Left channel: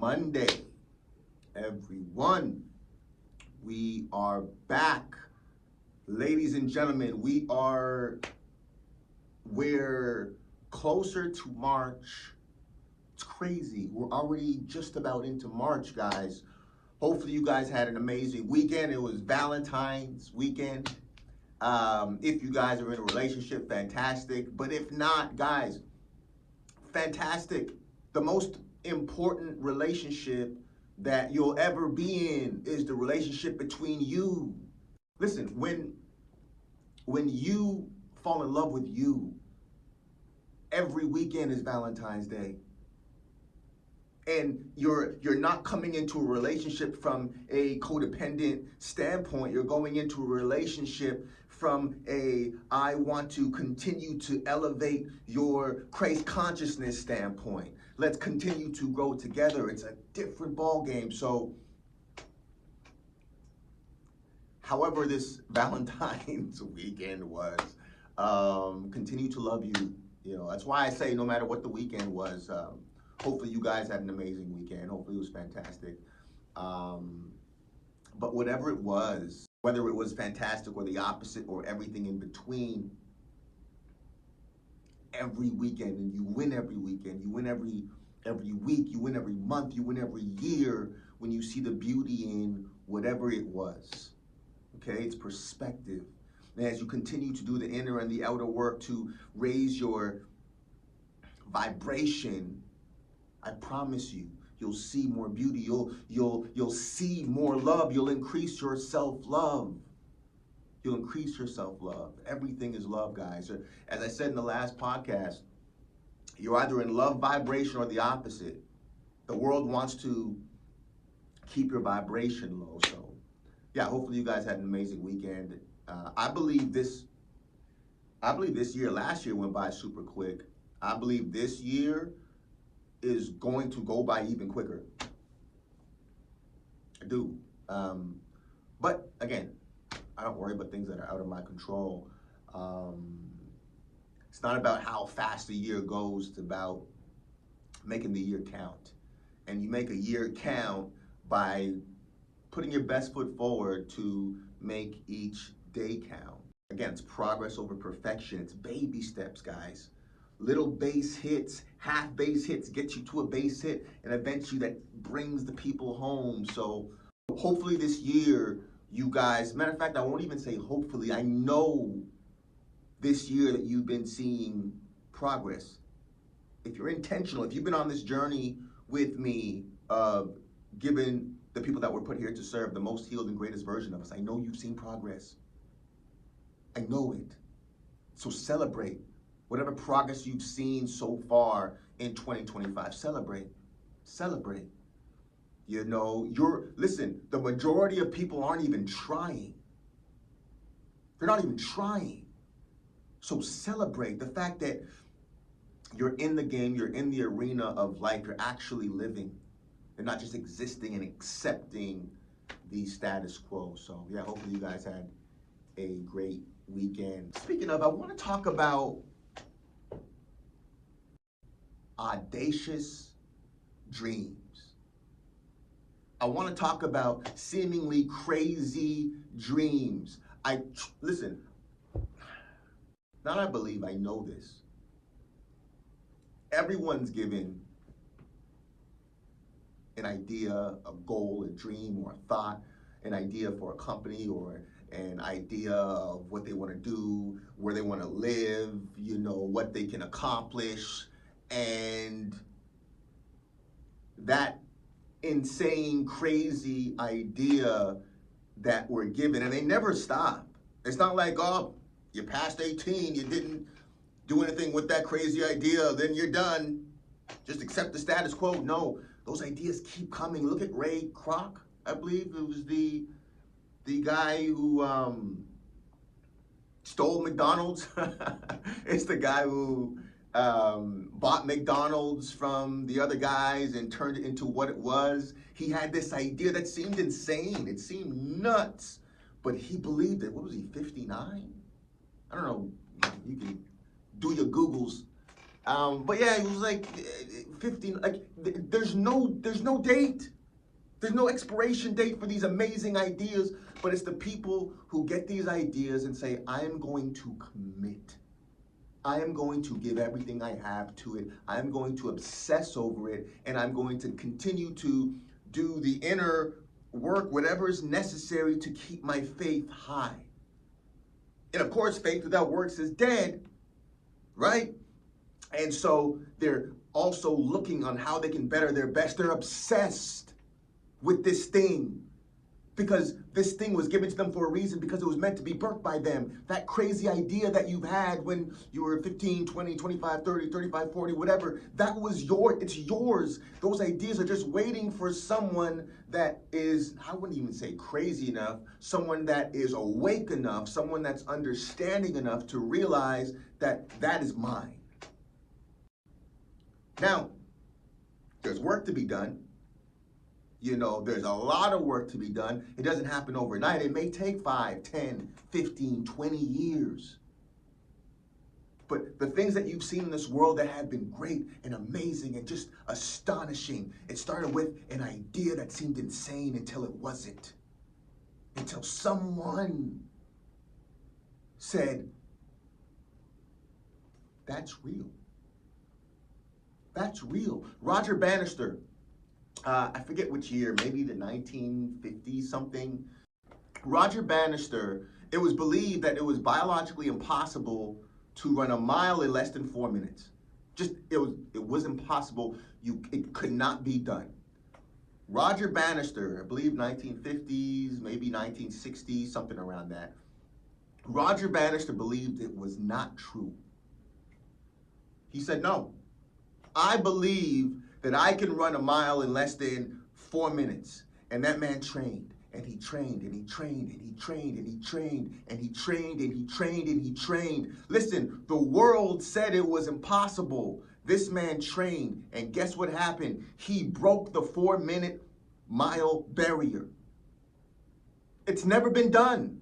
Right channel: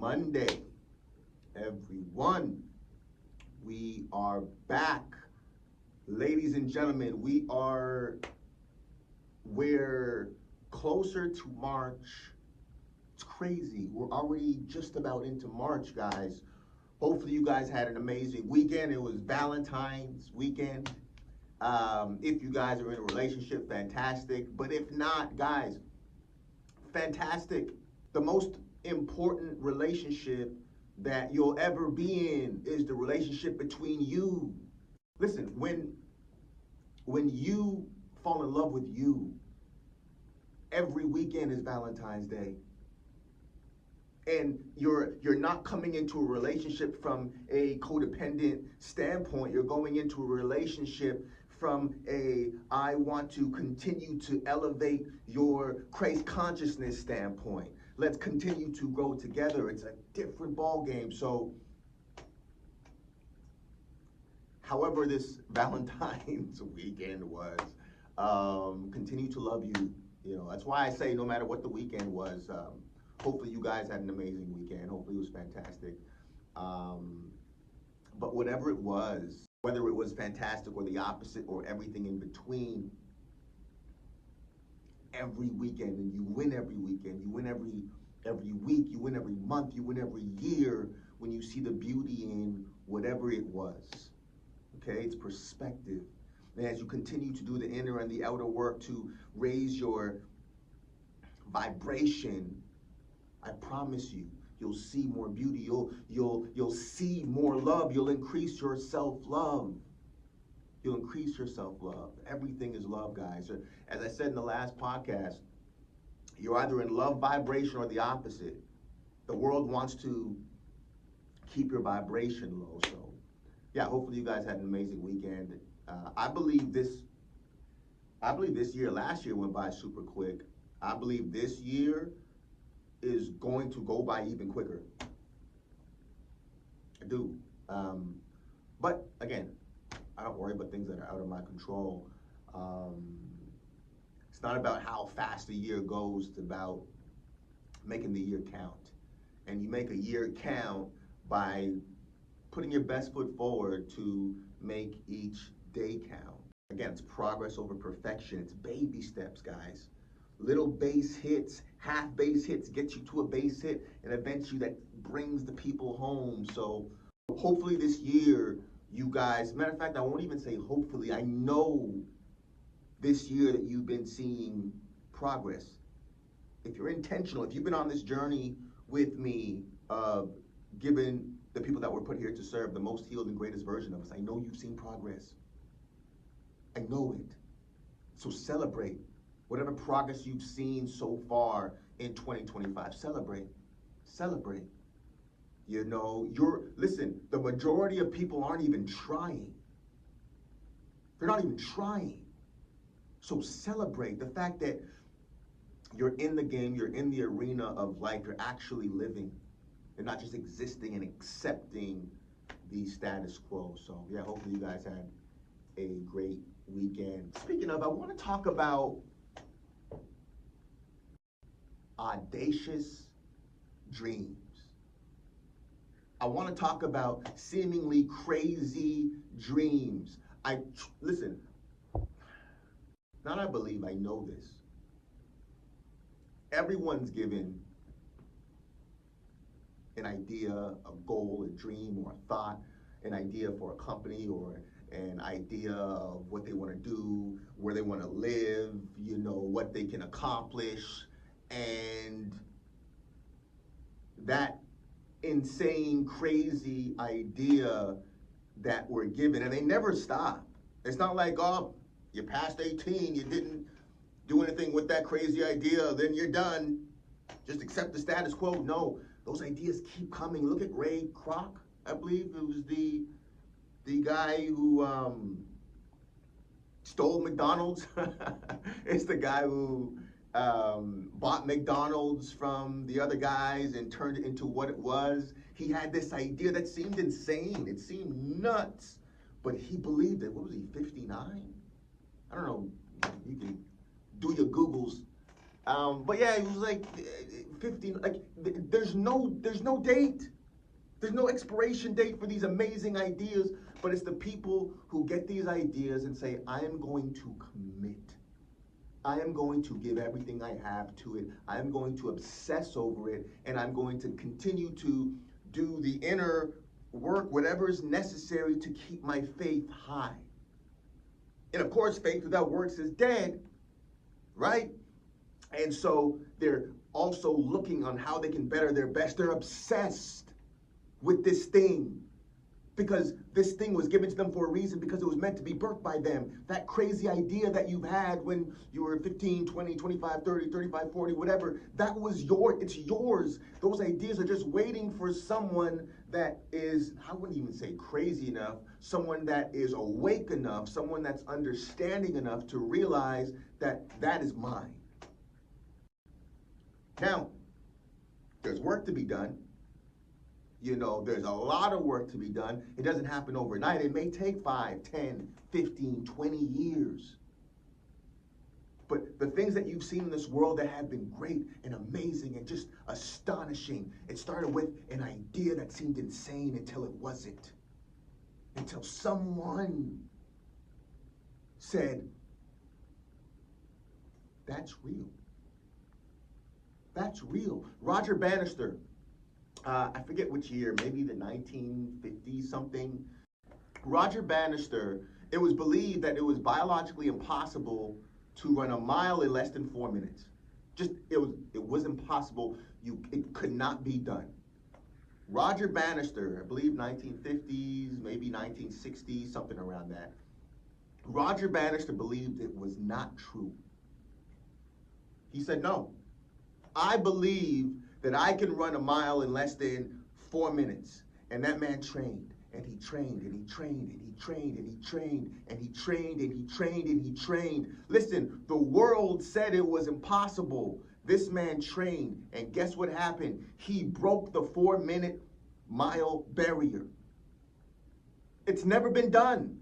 Monday, everyone. We are back. Ladies and gentlemen, we're closer to March. It's crazy. We're already just about into March, guys. Hopefully you guys had an amazing weekend. It was Valentine's weekend. If you guys are in a relationship, fantastic. But if not, guys, fantastic. The most important relationship that you'll ever be in is the relationship between you. Listen, when you fall in love with you, every weekend is Valentine's Day. And you're not coming into a relationship from a codependent standpoint. You're going into a relationship from I want to continue to elevate your Christ consciousness standpoint. Let's continue to grow together. It's a different ball game. So, however this Valentine's weekend was, continue to love you. You know, that's why I say no matter what the weekend was, hopefully you guys had an amazing weekend. Hopefully it was fantastic. But whatever it was, whether it was fantastic or the opposite or everything in between, every weekend, and you win every weekend, you win every week, you win every month, you win every year when you see the beauty in whatever it was. Okay, it's perspective. And as you continue to do the inner and the outer work to raise your vibration, I promise you, you'll see more beauty. You'll see more love. You'll increase your self-love. You'll increase your self-love. Everything is love, guys. As I said in the last podcast, you're either in love vibration or the opposite. The world wants to keep your vibration low. So, yeah, hopefully you guys had an amazing weekend. I believe this year, last year went by super quick. I believe this year is going to go by even quicker. I do. But again, I don't worry about things that are out of my control. It's not about how fast the year goes, it's about making the year count. And you make a year count by putting your best foot forward to make each day count. Again, it's progress over perfection. It's baby steps, guys. Little base hits, half base hits get you to a base hit, and eventually that brings the people home. So hopefully this year, you guys, matter of fact, I won't even say hopefully, I know this year that you've been seeing progress. If you're intentional, if you've been on this journey with me, giving the people that were put here to serve the most healed and greatest version of us, I know you've seen progress. I know it. So celebrate. Whatever progress you've seen so far in 2025, celebrate. Celebrate. You know, listen, the majority of people aren't even trying. They're not even trying. So celebrate the fact that you're in the game, you're in the arena of life, you're actually living. You're not just existing and accepting the status quo. So yeah, hopefully you guys had a great weekend. Speaking of, I want to talk about audacious dreams. I want to talk about seemingly crazy dreams. Listen, not I believe, I know this. Everyone's given an idea, a goal, a dream, or a thought, an idea for a company or an idea of what they want to do, where they want to live, you know, what they can accomplish. And that insane, crazy idea that we're given, and they never stop. It's not like, oh, you passed 18, you didn't do anything with that crazy idea, then you're done. Just accept the status quo. No, those ideas keep coming. Look at Ray Kroc, I believe it was the guy who stole McDonald's. It's the guy who bought McDonald's from the other guys and turned it into what it was. He had this idea that seemed insane. It seemed nuts, but he believed it. What was he, 59? I don't know. You can do your Googles But yeah, it was like 15. Like there's no date. There's no expiration date for these amazing ideas. But it's the people who get these ideas and say, I am going to commit. I am going to give everything I have to it. I'm going to obsess over it, and I'm going to continue to do the inner work, whatever is necessary to keep my faith high. And of course, faith without works is dead, right? And so they're also looking on how they can better their best. They're obsessed with this thing, because this thing was given to them for a reason, because it was meant to be birthed by them. That crazy idea that you've had when you were 15, 20, 25, 30, 35, 40, whatever, that was it's yours. Those ideas are just waiting for someone that is, I wouldn't even say crazy enough, someone that is awake enough, someone that's understanding enough to realize that that is mine. Now, there's work to be done. You know, there's a lot of work to be done. It doesn't happen overnight. It may take 5, 10, 15, 20 years. But the things that you've seen in this world that have been great and amazing and just astonishing, it started with an idea that seemed insane until it wasn't. Until someone said, that's real. That's real. Roger Bannister, I forget which year, maybe the 1950s something. Roger Bannister, it was believed that it was biologically impossible to run a mile in less than 4 minutes. It was impossible. It could not be done. Roger Bannister, I believe 1950s, maybe 1960s, something around that. Roger Bannister believed it was not true. He said, no, I believe that I can run a mile in less than 4 minutes. And that man trained, and he trained, and he trained, and he trained, and he trained, and he trained, and he trained, and he trained. Listen, the world said it was impossible. This man trained, and guess what happened? He broke the 4-minute mile barrier. It's never been done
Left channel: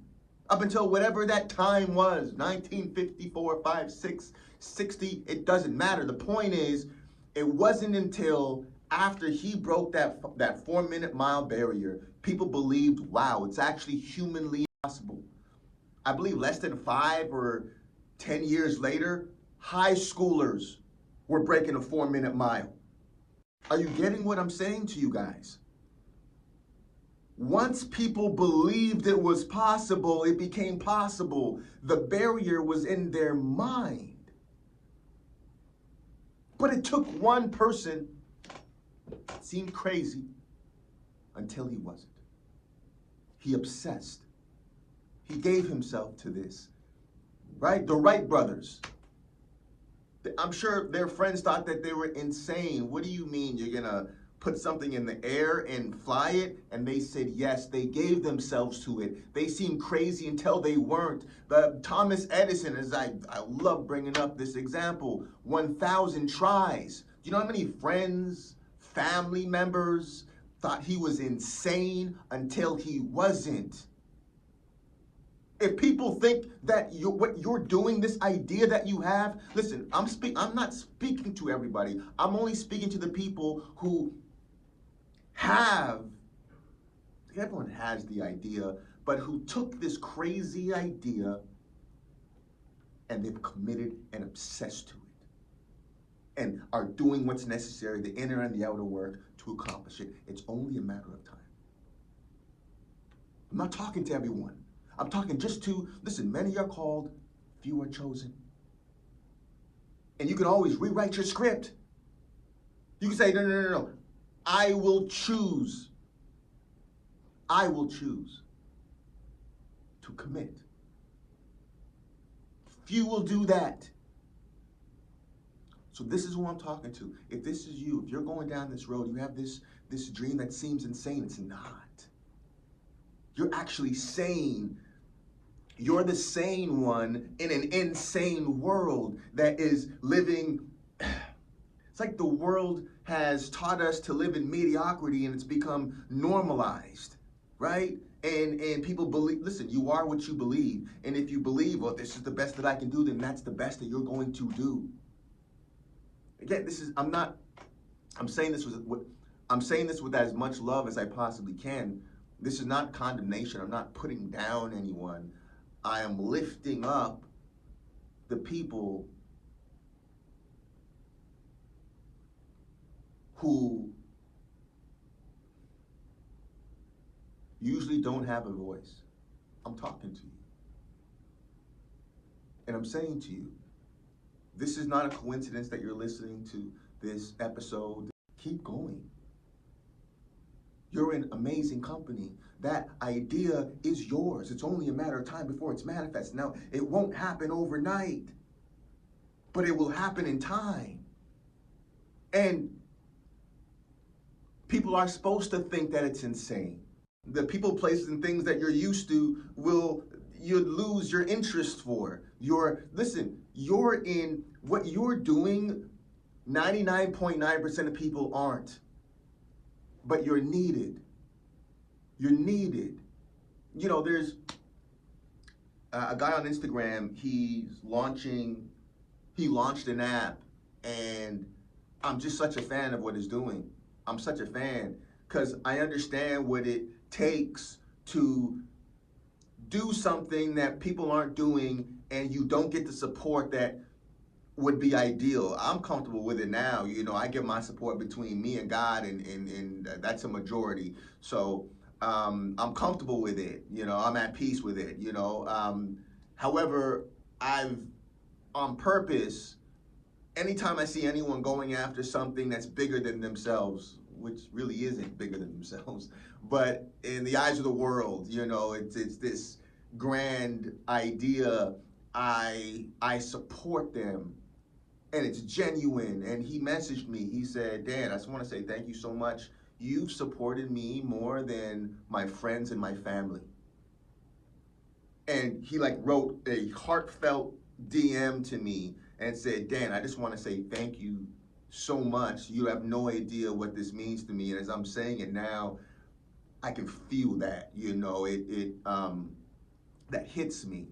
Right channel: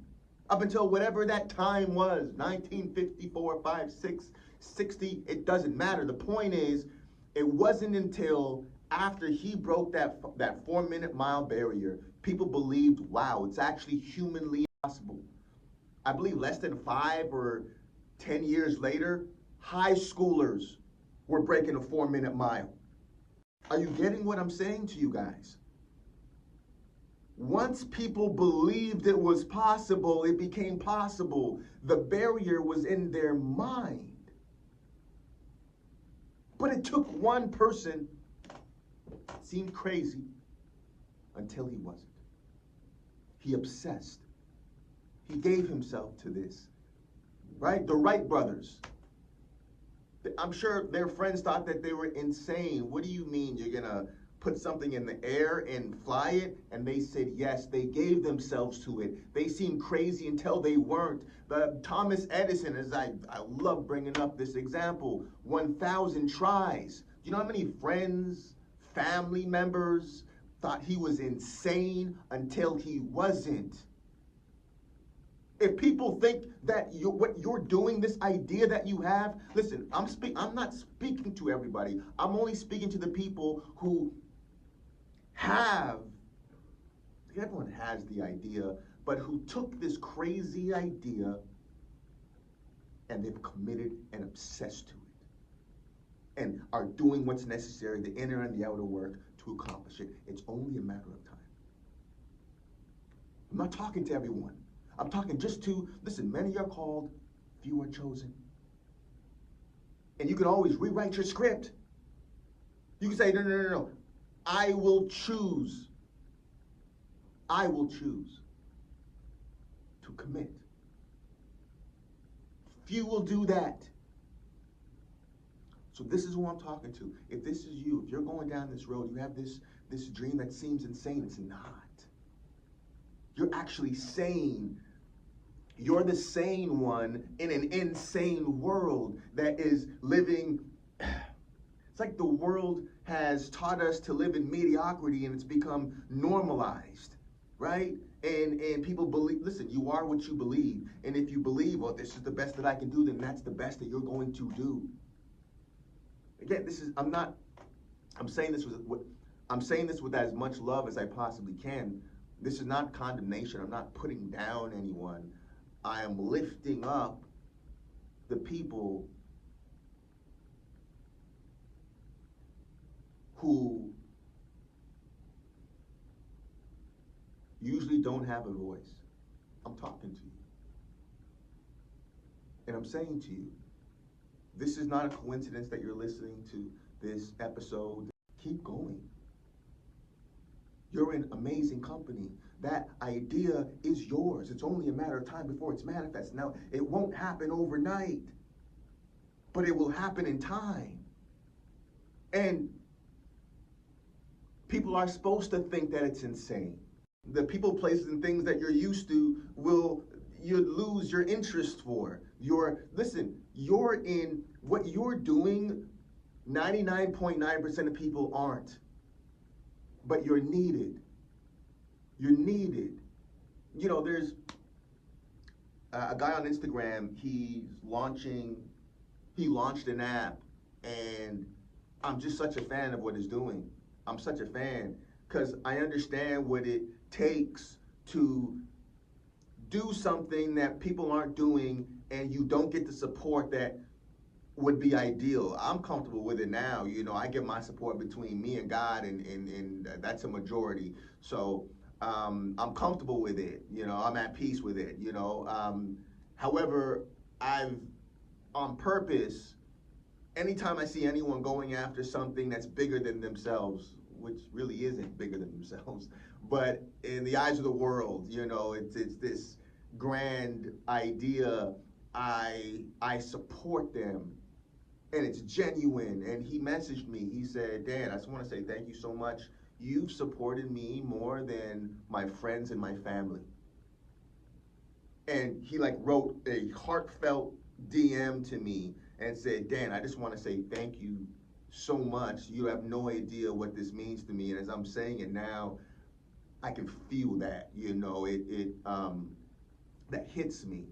up until whatever that time was, 1954, 5, 6, 60, it doesn't matter. The point is, it wasn't until after he broke that 4-minute mile barrier, people believed, wow, it's actually humanly possible. I believe less than 5 or 10 years later, high schoolers were breaking a 4-minute mile. Are you getting what I'm saying to you guys? Once people believed it was possible, it became possible. The barrier was in their mind. But it took one person, it seemed crazy, until he wasn't. He obsessed. He gave himself to this, right? The Wright brothers. I'm sure their friends thought that they were insane. What do you mean you're gonna put something in the air and fly it? And they said yes. They gave themselves to it. They seemed crazy until they weren't. But Thomas Edison, as I love bringing up this example, 1,000 tries. Do you know how many friends, family members thought he was insane until he wasn't? If people think that what you're doing, this idea that you have, listen, I'm not speaking to everybody. I'm only speaking to the people who have, everyone has the idea, but who took this crazy idea and they've committed and obsessed to it and are doing what's necessary, the inner and the outer work, to accomplish it. It's only a matter of time. I'm not talking to everyone. I'm talking just to, listen, many are called, few are chosen. And you can always rewrite your script. You can say, no. I will choose. I will choose to commit. Few will do that. So this is who I'm talking to. If this is you, if you're going down this road, you have this dream that seems insane, it's not. You're actually sane. You're the sane one in an insane world that is living. It's like the world has taught us to live in mediocrity and it's become normalized, right? And people believe, listen, you are what you believe. And if you believe, well, this is the best that I can do, then that's the best that you're going to do. Again, I'm saying this with as much love as I possibly can. This is not condemnation. I'm not putting down anyone. I am lifting up the people who usually don't have a voice. I'm talking to you. And I'm saying to you, this is not a coincidence that you're listening to this episode. Keep going. You're in amazing company. That idea is yours. It's only a matter of time before it's manifest. Now, it won't happen overnight, but it will happen in time. And people are supposed to think that it's insane. The people, places, and things that you're used to you'd lose your interest for. You're in what you're doing, 99.9% of people aren't. But you're needed. You're needed. You know, there's a guy on Instagram, he launched an app, and I'm just such a fan of what he's doing. I'm such a fan because I understand what it takes to do something that people aren't doing, and you don't get the support that would be ideal. I'm comfortable with it now. You know, I get my support between me and God, and that's a majority. So I'm comfortable with it. You know, I'm at peace with it. You know, however, I've on purpose, anytime I see anyone going after something that's bigger than themselves, which really isn't bigger than themselves, but in the eyes of the world, you know, it's this grand idea. I support them, and it's genuine. And he messaged me. He said, Dan, I just want to say thank you so much. You've supported me more than my friends and my family. And he wrote a heartfelt DM to me and said, Dan, I just want to say thank you so much. You have no idea what this means to me. And as I'm saying it now, I can feel that, you know, that hits me.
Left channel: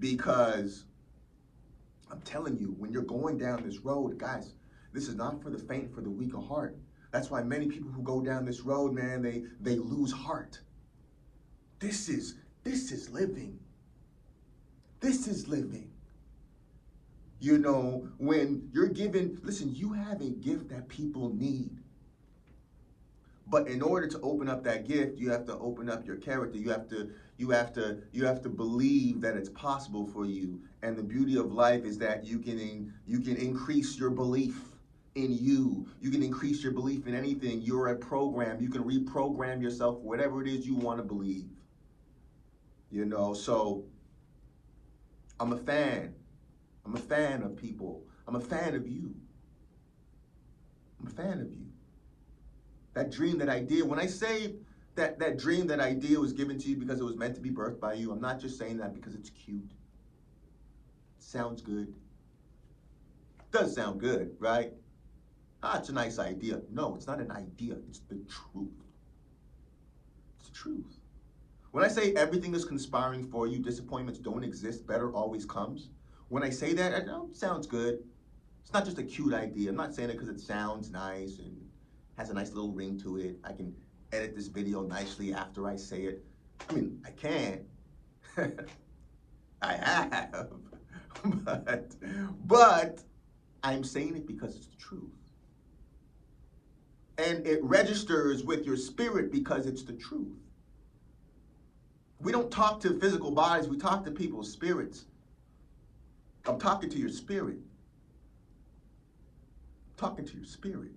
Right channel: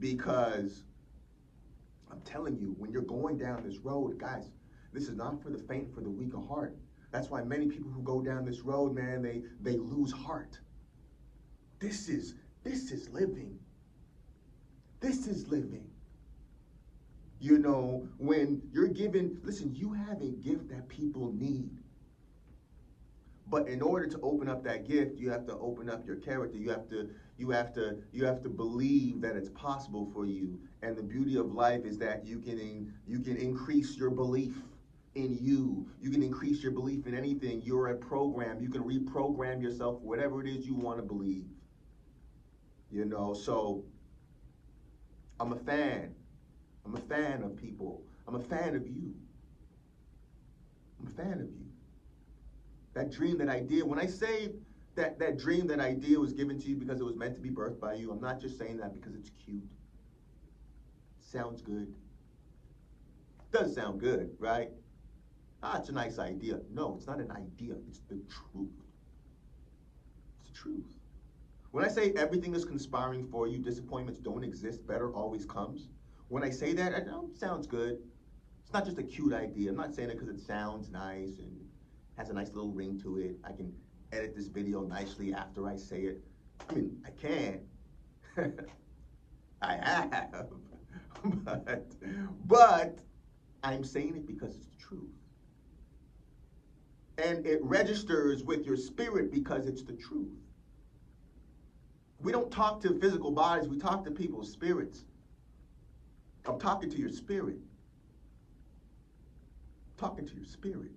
Because I'm telling you, when you're going down this road, guys, this is not for the faint, for the weak of heart. That's why many people who go down this road, man, they lose heart. This is living. This is living. You know, when you're given, listen, you have a gift that people need. But in order to open up that gift, you have to open up your character. You have to believe that it's possible for you. And the beauty of life is that you can increase your belief in you. You can increase your belief in anything. You're a program. You can reprogram yourself, whatever it is you want to believe. You know, so I'm a fan. I'm a fan of people. I'm a fan of you. I'm a fan of you. That dream, that idea, when I say that dream, that idea was given to you because it was meant to be birthed by you, I'm not just saying that because it's cute. It sounds good. It does sound good, right? It's a nice idea. No, it's not an idea. It's the truth. It's the truth. When I say everything is conspiring for you, disappointments don't exist, better always comes. When I say that, it sounds good. It's not just a cute idea. I'm not saying it because it sounds nice and has a nice little ring to it. I can edit this video nicely after I say it. I mean, I can. I have. But I'm saying it because it's the truth. And it registers with your spirit because it's the truth. We don't talk to physical bodies, we talk to people's spirits. I'm talking to your spirit. I'm talking to your spirit.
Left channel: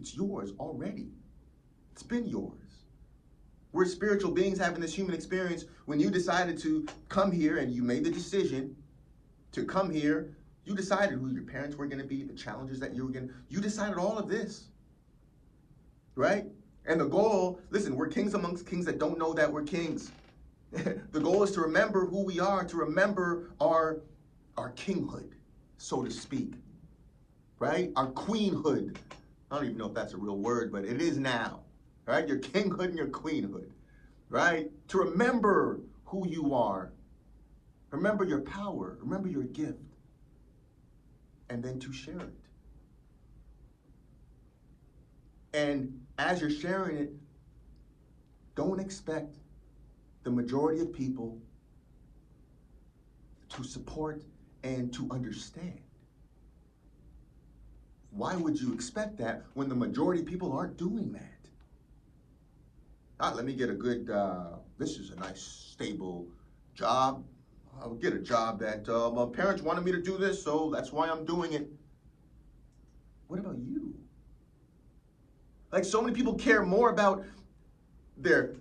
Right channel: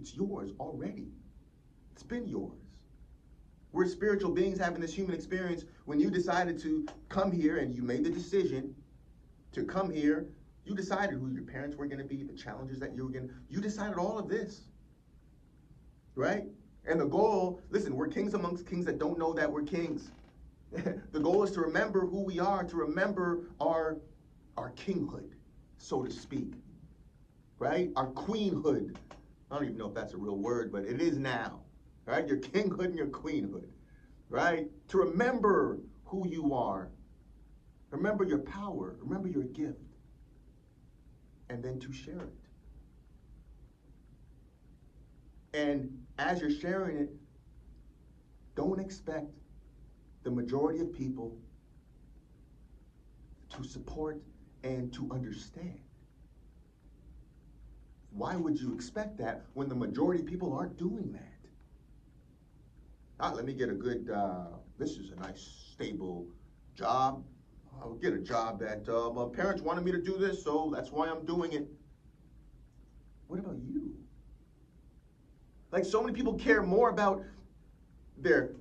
It's yours already. It's been yours. We're spiritual beings having this human experience. When you decided to come here and you made the decision to come here, you decided who your parents were going to be, the challenges that you decided all of this, right? And the goal, listen, we're kings amongst kings that don't know that we're kings. The goal is to remember who we are, to remember our kinghood, so to speak, right? Our queenhood. I don't even know if that's a real word, but it is now, right? Your kinghood and your queenhood, right? To remember who you are. Remember your power. Remember your gift. and then to share it. And as you're sharing it, don't expect the majority of people to support and to understand. Why would you expect that when the majority of people aren't doing that? Let me get a good, this is a nice, stable job. I'll get a job that my parents wanted me to do this, so that's why I'm doing it. What about you? Like, so many people care more about their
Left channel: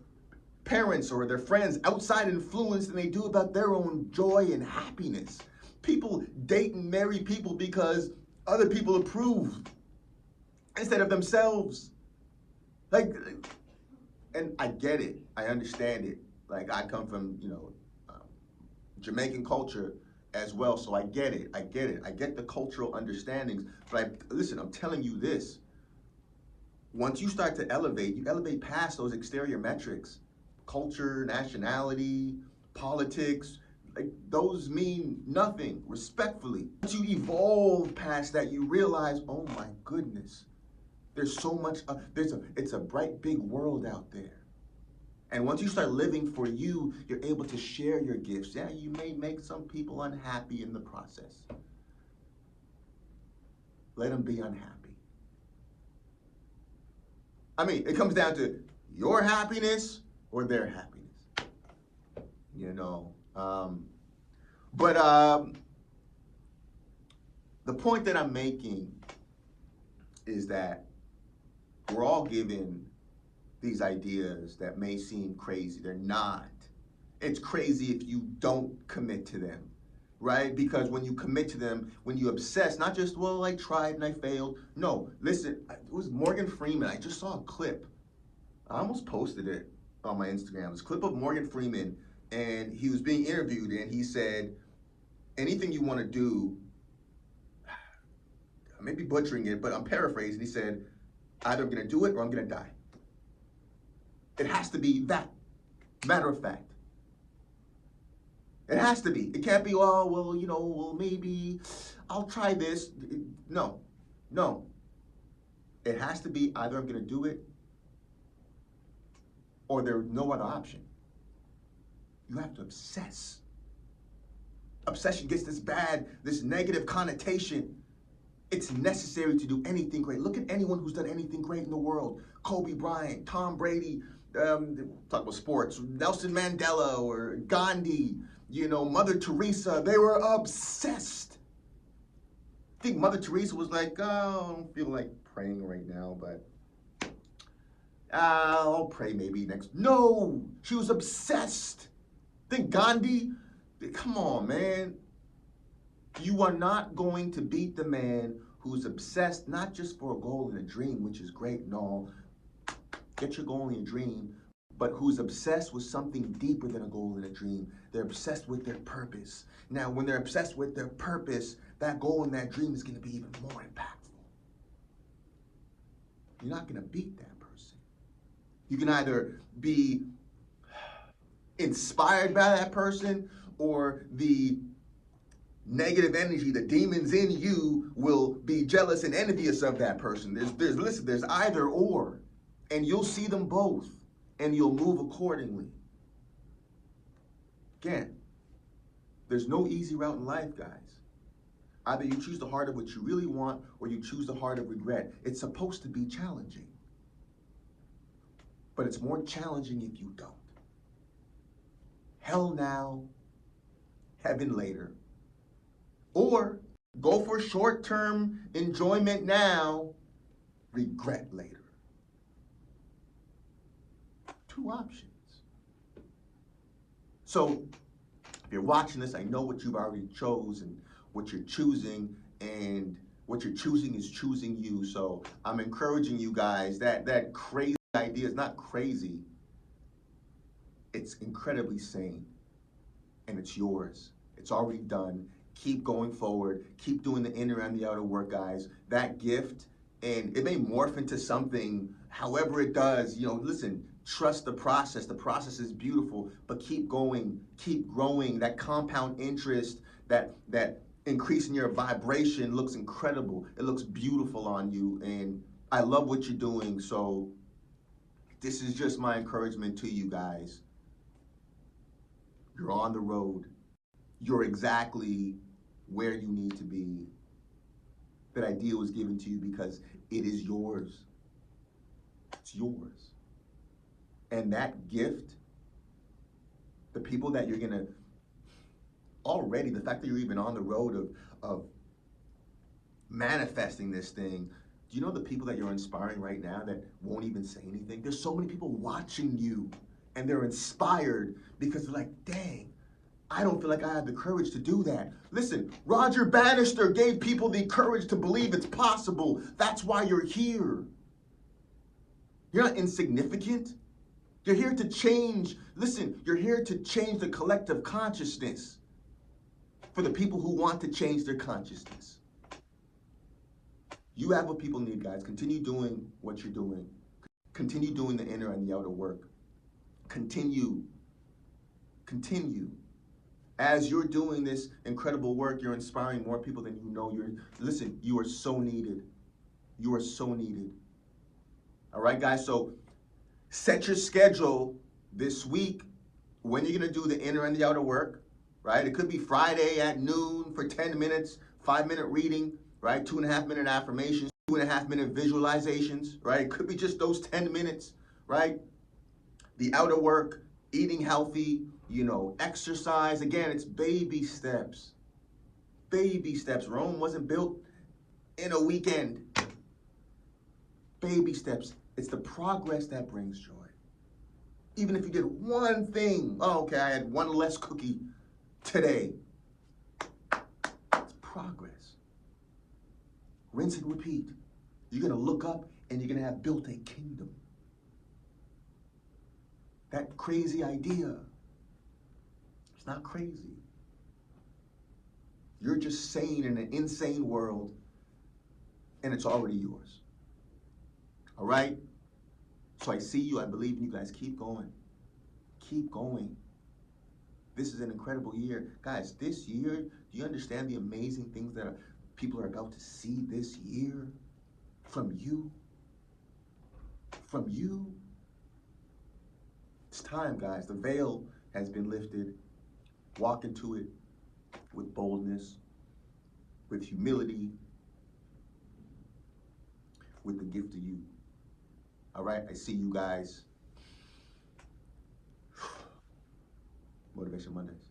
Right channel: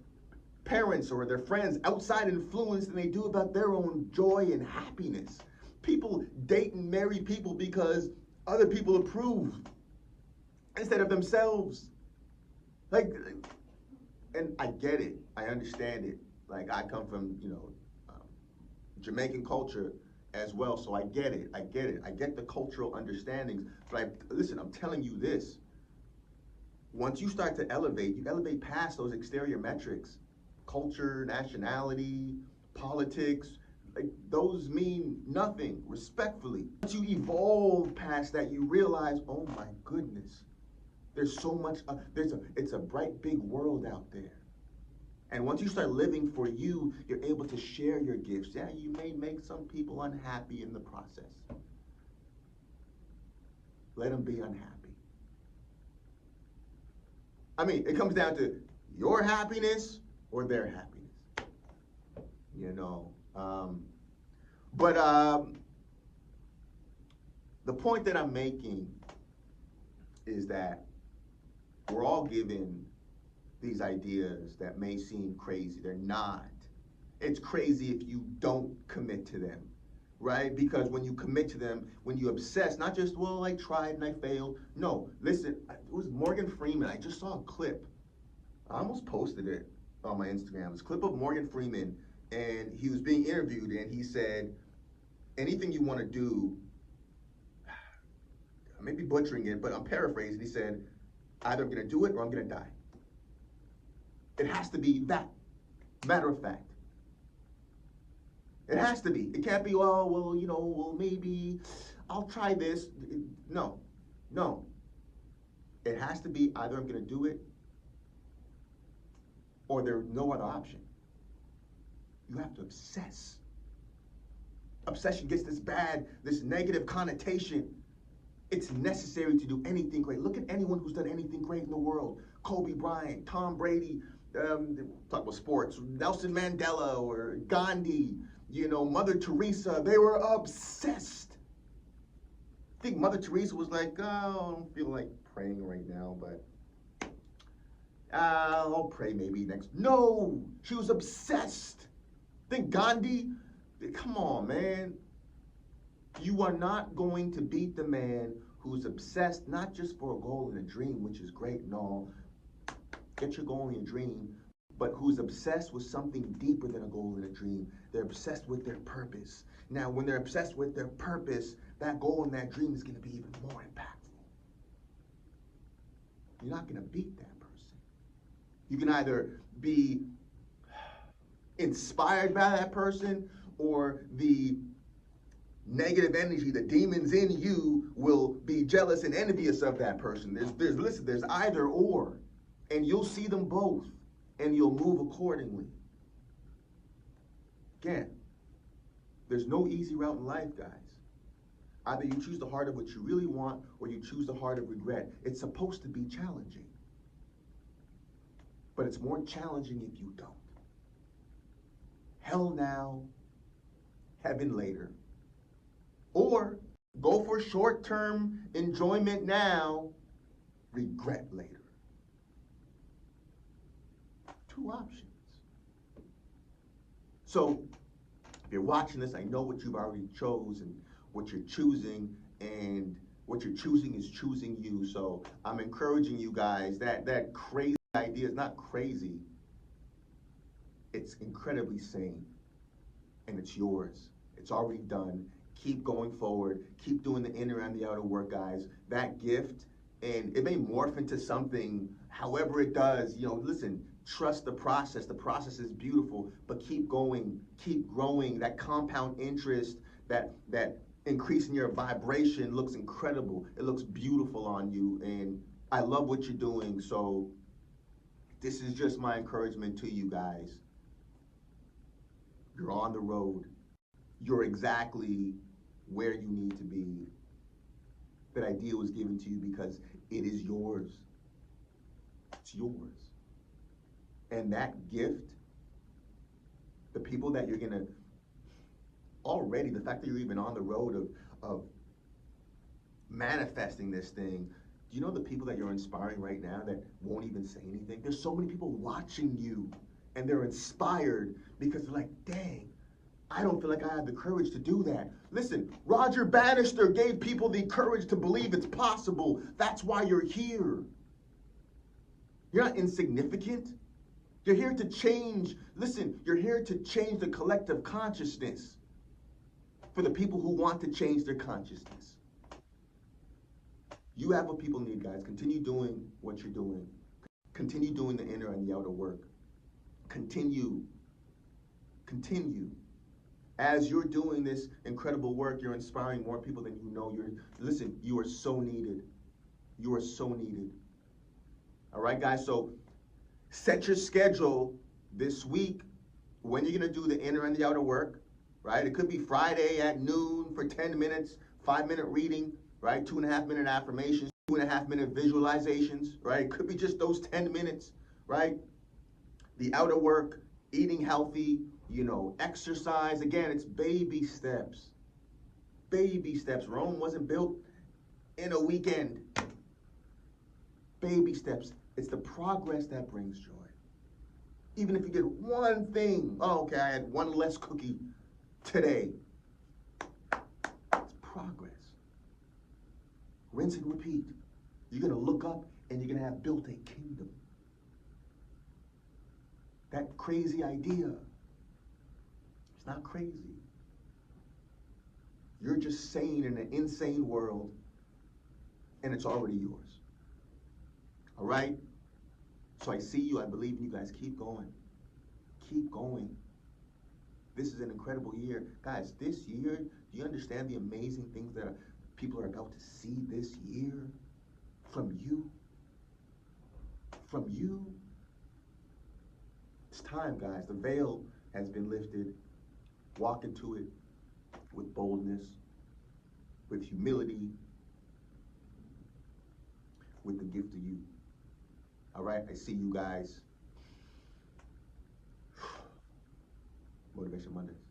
parents or their friends' outside influence than they do about their own joy and happiness. People date and marry people because other people approve instead of themselves. Like, and I get it. I understand it. Like, I come from, Jamaican culture as well, so I get it. I get the cultural understandings. But listen, I'm telling you this. Once you start to elevate, you elevate past those exterior metrics. Culture, nationality, politics, like, those mean nothing, respectfully. Once you evolve past that, you realize, oh my goodness, there's so much, it's a bright big world out there. And once you start living for you, you're able to share your gifts. Yeah, you may make some people unhappy in the process. Let them be unhappy. I mean, it comes down to your happiness or their happiness, the point that I'm making is that we're all given these ideas that may seem crazy. They're not. It's crazy if you don't commit to them, right? Because when you commit to them, when you obsess, not just, well, I tried and I failed. No, listen, it was Morgan Freeman. I just saw a clip. I almost posted it on my Instagram. It was a clip of Morgan Freeman, and he was being interviewed, and he said, anything you want to do, I may be butchering it, but I'm paraphrasing. He said, either I'm going to do it or I'm going to die. It has to be that, matter of fact. It has to be. It can't be, maybe I'll try this. No. It has to be either I'm going to do it or there's no other option. You have to obsess. Obsession gets this negative connotation. It's necessary to do anything great. Look at anyone who's done anything great in the world. Kobe Bryant, Tom Brady, talk about sports, Nelson Mandela or Gandhi, Mother Teresa. They were obsessed. I think Mother Teresa was like, oh, I don't feel like praying right now, but I'll pray maybe next. No, she was obsessed. Think Gandhi, come on, man. You are not going to beat the man who's obsessed, not just for a goal and a dream, which is great and all. Get your goal and your dream, but who's obsessed with something deeper than a goal and a dream. They're obsessed with their purpose. Now, when they're obsessed with their purpose, that goal and that dream is going to be even more impactful. You're not going to beat that person. You can either be inspired by that person, or the negative energy, the demons in you, will be jealous and envious of that person. There's either or, and you'll see them both, and you'll move accordingly. Again, there's no easy route in life, guys. Either you choose the heart of what you really want, or you choose the heart of regret. It's supposed to be challenging, but it's more challenging if you don't. Hell now, heaven later. Or go for short-term enjoyment now, regret later. Two options. So if you're watching this, I know what you've already chosen, what you're choosing, and what you're choosing is choosing you. So I'm encouraging you guys, that crazy idea is not crazy. It's incredibly sane, and it's yours. It's already done. Keep going forward. Keep doing the inner and the outer work, guys. That gift, and it may morph into something, however it does, listen, trust the process. The process is beautiful, but keep going, keep growing. That compound interest, that increasing your vibration looks incredible. It looks beautiful on you, and I love what you're doing. So this is just my encouragement to you guys. You're on the road. You're exactly where you need to be. That idea was given to you because it is yours. It's yours. And that gift, the people that you're gonna already, the fact that you're even on the road of manifesting this thing, do you know the people that you're inspiring right now that won't even say anything? There's so many people watching you and they're inspired because they're like, dang, I don't feel like I have the courage to do that. Listen, Roger Bannister gave people the courage to believe it's possible. That's why you're here. You're not insignificant. You're here to change. Listen, you're here to change the collective consciousness for the people who want to change their consciousness. You have what people need, guys. Continue doing what you're doing. Continue doing the inner and the outer work. Continue. As you're doing this incredible work, you're inspiring more people than you know. Listen, you are so needed. You are so needed. All right, guys, so set your schedule this week when you're gonna do the inner and the outer work, right? It could be Friday at noon for 10 minutes, 5-minute reading, right? 2.5-minute affirmations, 2.5-minute visualizations, right? It could be just those 10 minutes, right? The outer work, eating healthy, exercise. Again, it's baby steps. Baby steps. Rome wasn't built in a weekend. Baby steps. It's the progress that brings joy. Even if you did one thing, oh, okay, I had one less cookie today. It's progress. Rinse and repeat. You're going to look up and you're going to have built a kingdom. That crazy idea, it's not crazy. You're just sane in an insane world, and it's already yours. All right? So I see you. I believe in you guys. Keep going. Keep going. This is an incredible year. Guys, this year, do you understand the amazing things that people are about to see this year from you? From you? It's time, guys. The veil has been lifted. Walk into it with boldness, with humility, with the gift of you. All right, I see you guys. Motivation Mondays.